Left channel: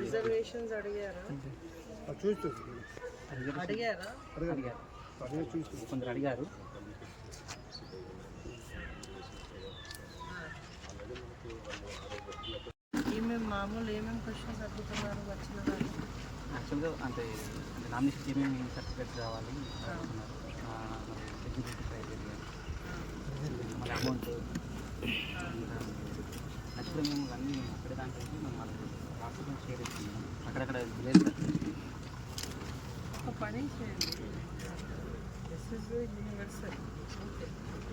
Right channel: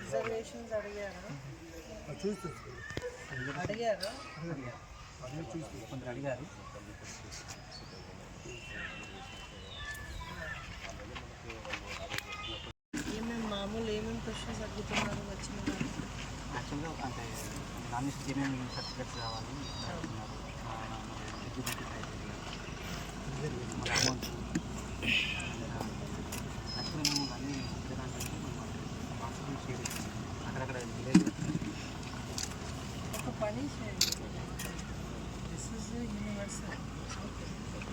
Reservations అడిగారా? చూస్తుంది కొందరు అడిగారు? ఏమేమి మామూలు ఏమేమి క్వశ్చన్స్ అడుగుతున్నారు వచ్చిన వాళ్ళు? యాక్చువల్గా అంటే నామినేషన్ ఏమేమి సర్టిఫికేట్స్ కావాలి. చేయండి దిస్ ఇస్ యూనివర్సల్ ఓకే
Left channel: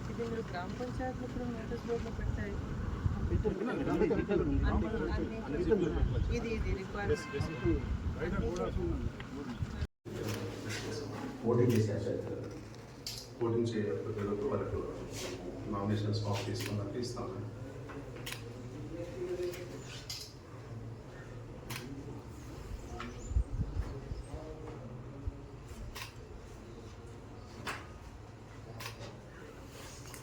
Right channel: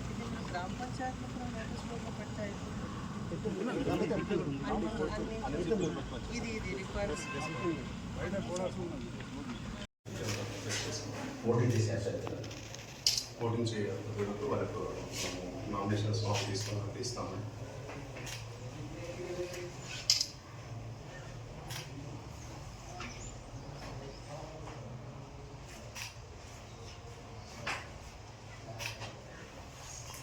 ఇది మీరు గ్రామ పంచాయతీలో కూడా నోటీస్ బోర్డులో పెడితే అయిపోతుంది ఇది ఇది రిక్వైర్మెంట్ ఓటింగ్ చేసే అభ్యర్థులు ఓటింగ్ చేయ అభ్యర్థులకు వాళ్ళకు నామినేషన్స్ ఫామ్ తీసుకున్నాక ఇస్తాము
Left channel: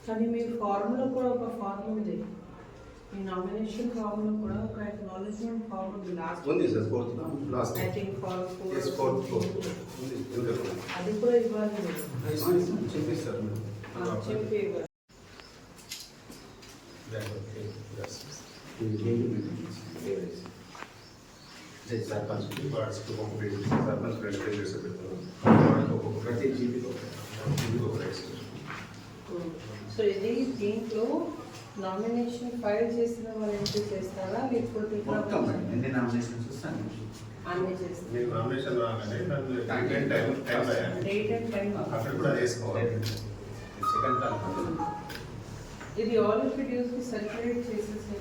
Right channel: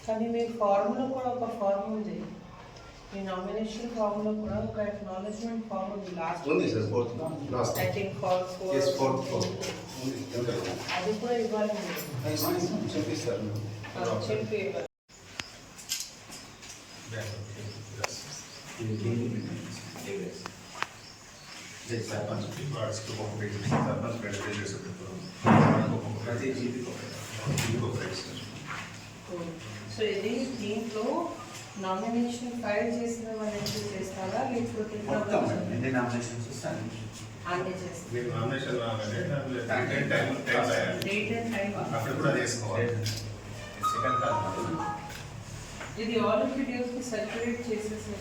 కానీ మీ ఫార్మ్లో కూడా ఒక ఫార్మ్ ఉంది మీ నామినేషన్ ఫార్మ్లో కూడా ఒక అక్నాలెడ్జ్మెంట్ ఫార్మ్ ఉంది లాస్ట్ ఉంది sir fourth last I think far as fourth fourth ఉంది ఎంత అది కూడా ఇవ్వాలి మీరు చూపిస్తారు ఆ, చెప్పి ఇవ్వాలి సర్పంచ్ వార్డ్స్కి ఒక్కొక్క పేజ్ సో ఇది దీంట్లో నామినేషన్ ఫైల్ చేసిన వాళ్ళు చేస్తారా? లేకపోతే మొత్తం ఎన్ని నామినేషన్స్ వస్తాయి అన్ని మీకు నామినేషన్ రాగానే టైం డేట్ అండ్ టైం అక్కడ కూడా చేసుకోవాలి. సెకండ్ కాల్ ఇది ఆల్కి సర్క్యులేట్ చేసేసి